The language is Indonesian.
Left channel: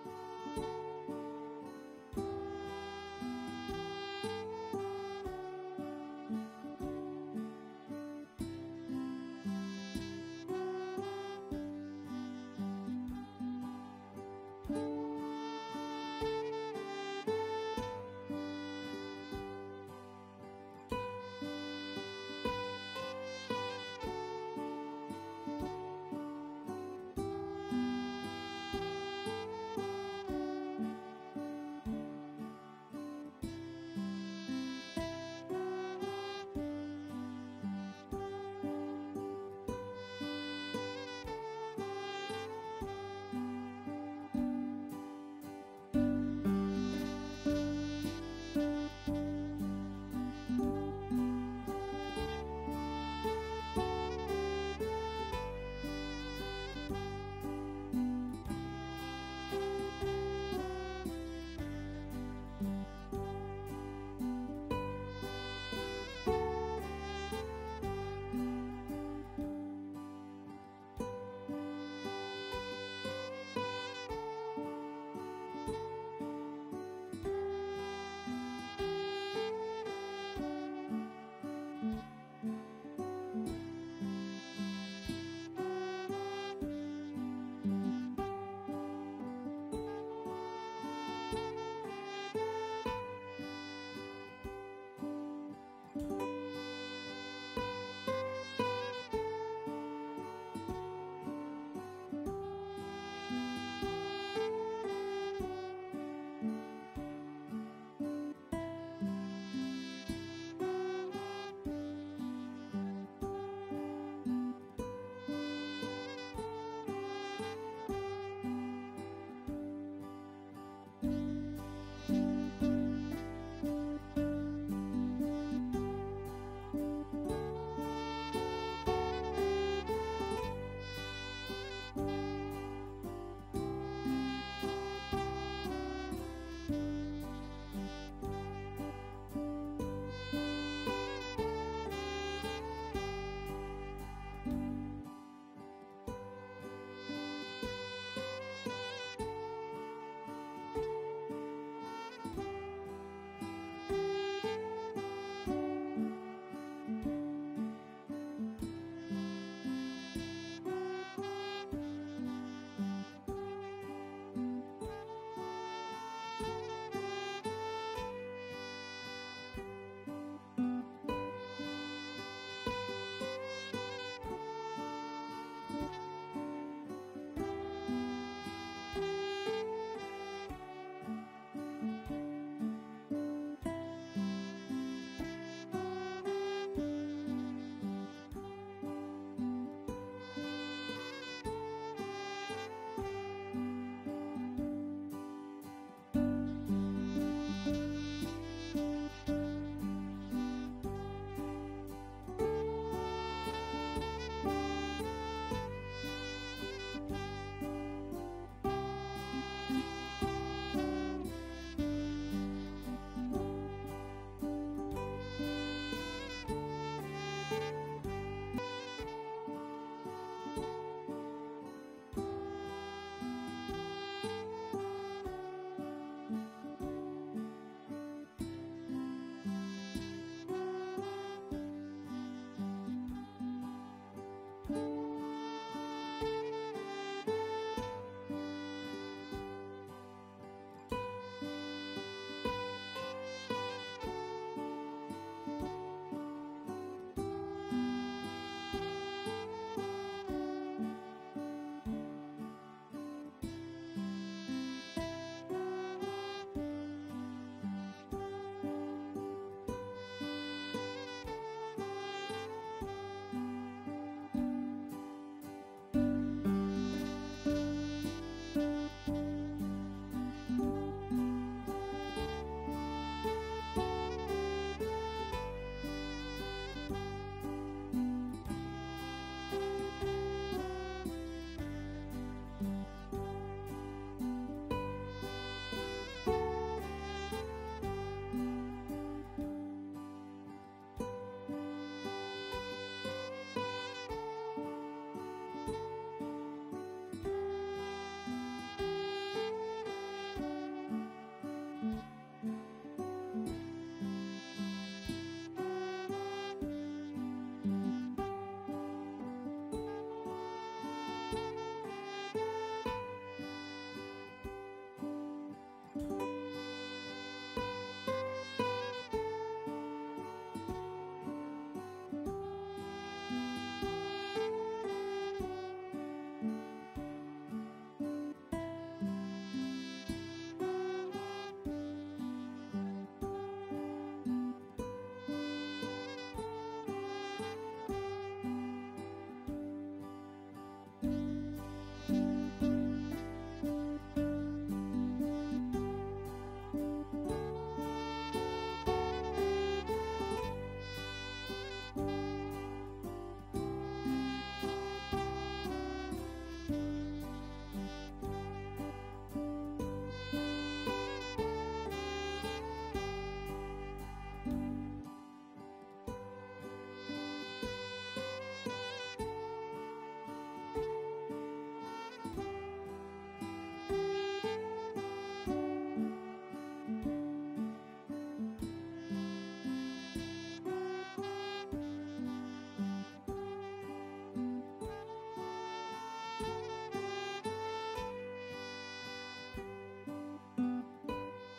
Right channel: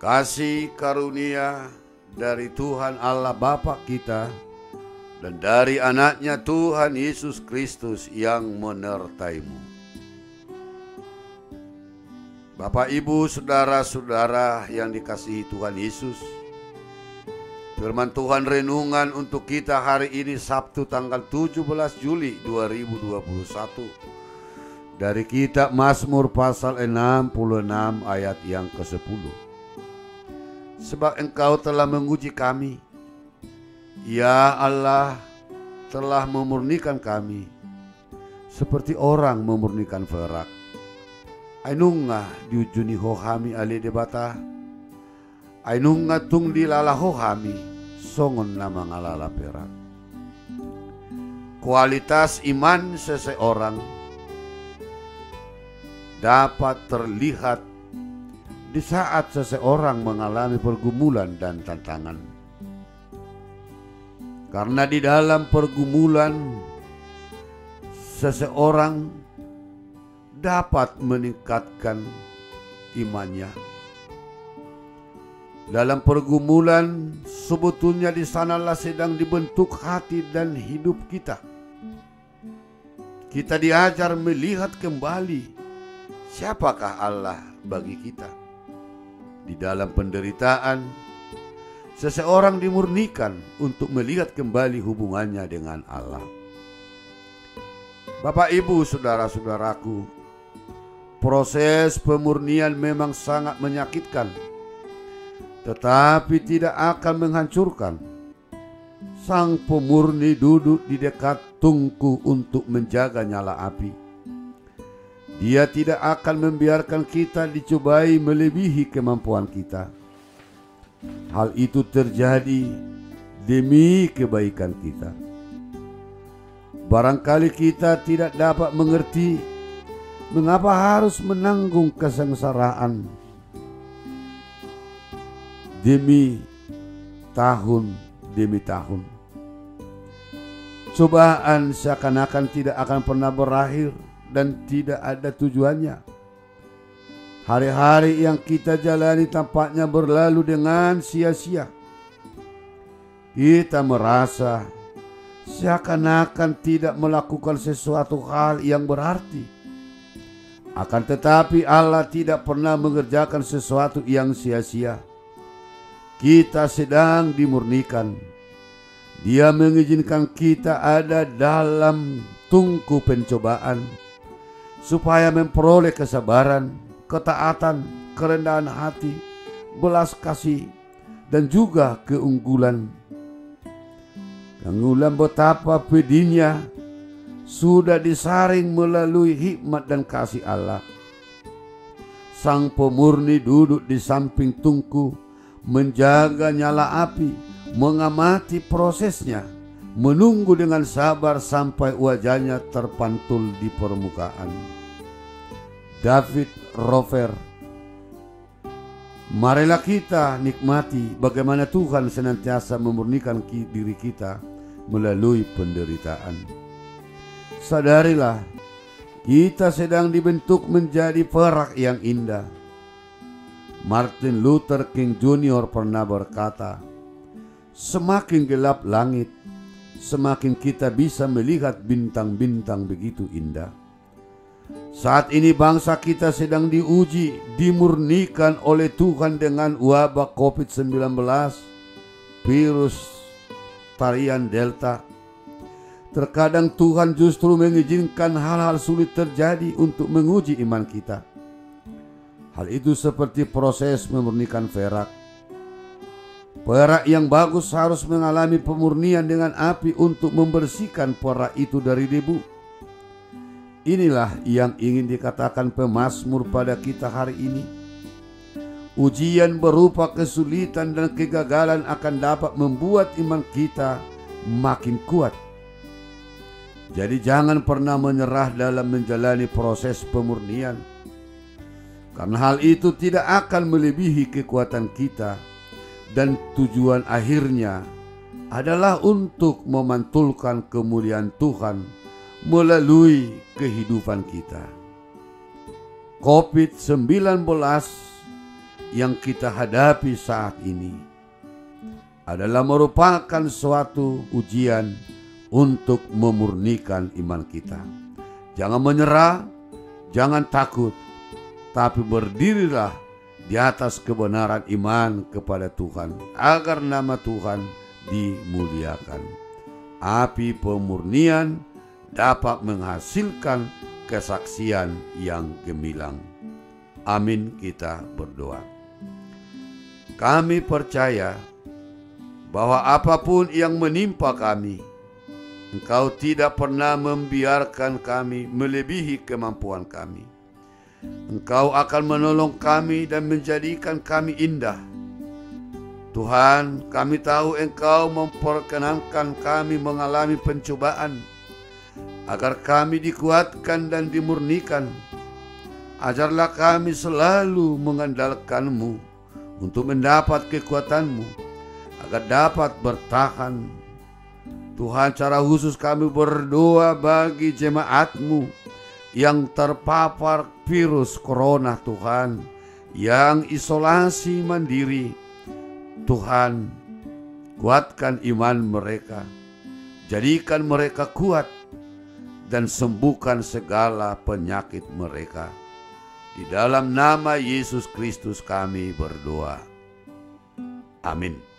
Kasih karunia dari Tuhan Allah Bapa kita dan dari anaknya Tuhan Yesus Kristus yang menyertaimu. Bapak, Ibu, saudara-saudara yang dikasihi Tuhan Yesus, firman Tuhan renungan untuk kita hari ini Sabtu tanggal 17 Juli 2021 dari kitab Mazmur pasal 66 ayat yang ke-10. Sebab Engkau telah menguji kami, ya Allah, telah memurnikan kami seperti orang memurnikan perak. Ainunga diujuni hohami ali debata, ainunga tung dilala hohami songon nama ngalala perak. Kualitas iman seseorang dapat terlihat di saat seseorang mengalami pergumulan dan tantangan. Karena di dalam pergumulan seseorang dapat meningkatkan imannya. Dalam pergumulan sebetulnya di sanalah sedang dibentuk hati dan hidup kita. Kita diajar melihat kembali siapakah Allah bagi kita. Di dalam penderitaan, seseorang dimurnikan untuk melihat kembali hubungannya dengan Allah. Bapak, Ibu, saudara-saudaraku, proses pemurnian memang sangat menyakitkan, tetapi tidak akan menghancurkan. Sang pemurni duduk di dekat tungku untuk menjaga nyala api. Dia tidak akan membiarkan kita dicobai melebihi kemampuan kita. Hal itu terjadi demi kebaikan kita. Barangkali kita tidak dapat mengerti mengapa harus menanggung kesengsaraan demi tahun. Cobaan seakan-akan tidak akan pernah berakhir dan tidak ada tujuannya. Hari-hari yang kita jalani tampaknya berlalu dengan sia-sia. Kita merasa seakan-akan tidak melakukan sesuatu hal yang berarti. Akan tetapi Allah tidak pernah mengerjakan sesuatu yang sia-sia. Kita sedang dimurnikan. Dia mengizinkan kita ada dalam tungku pencobaan supaya memperoleh kesabaran, ketaatan, kerendahan hati, belas kasih, dan juga keunggulan. Keunggulan betapa pedihnya sudah disaring melalui hikmat dan kasih Allah. Sang pemurni duduk di samping tungku, menjaga nyala api, mengamati prosesnya, menunggu dengan sabar sampai wajahnya terpantul di permukaan. David Rover. Marilah kita nikmati bagaimana Tuhan senantiasa memurnikan diri kita melalui penderitaan. Sadarilah, kita sedang dibentuk menjadi perak yang indah. Martin Luther King Jr. pernah berkata, semakin gelap langit, semakin kita bisa melihat bintang-bintang begitu indah. Saat ini bangsa kita sedang diuji, dimurnikan oleh Tuhan dengan wabah COVID-19, virus varian Delta. Terkadang Tuhan justru mengizinkan hal-hal sulit terjadi untuk menguji iman kita. Hal itu seperti proses memurnikan perak. Perak yang bagus harus mengalami pemurnian dengan api untuk membersihkan perak itu dari debu. Inilah yang ingin dikatakan pemazmur pada kita hari ini. Ujian berupa kesulitan dan kegagalan akan dapat membuat iman kita makin kuat. Jadi jangan pernah menyerah dalam menjalani proses pemurnian, karena hal itu tidak akan melebihi kekuatan kita, dan tujuan akhirnya adalah untuk memantulkan kemuliaan Tuhan melalui kehidupan kita. COVID-19 yang kita hadapi saat ini adalah merupakan suatu ujian untuk memurnikan iman kita. Jangan menyerah, jangan takut, tapi berdirilah di atas kebenaran iman kepada Tuhan, agar nama Tuhan dimuliakan. Api pemurnian dapat menghasilkan kesaksian yang gemilang. Amin, kita berdoa. Kami percaya bahwa apapun yang menimpa kami, Engkau tidak pernah membiarkan kami melebihi kemampuan kami. Engkau akan menolong kami dan menjadikan kami indah. Tuhan, kami tahu Engkau memperkenankan kami mengalami pencobaan agar kami dikuatkan dan dimurnikan. Ajarlah kami selalu mengandalkan-Mu untuk mendapat kekuatan-Mu agar dapat bertahan. Tuhan, cara khusus kami berdoa bagi jemaat-Mu yang terpapar virus corona, Tuhan, yang isolasi mandiri. Tuhan, kuatkan iman mereka, jadikan mereka kuat, dan sembuhkan segala penyakit mereka. Di dalam nama Yesus Kristus kami berdoa. Amin.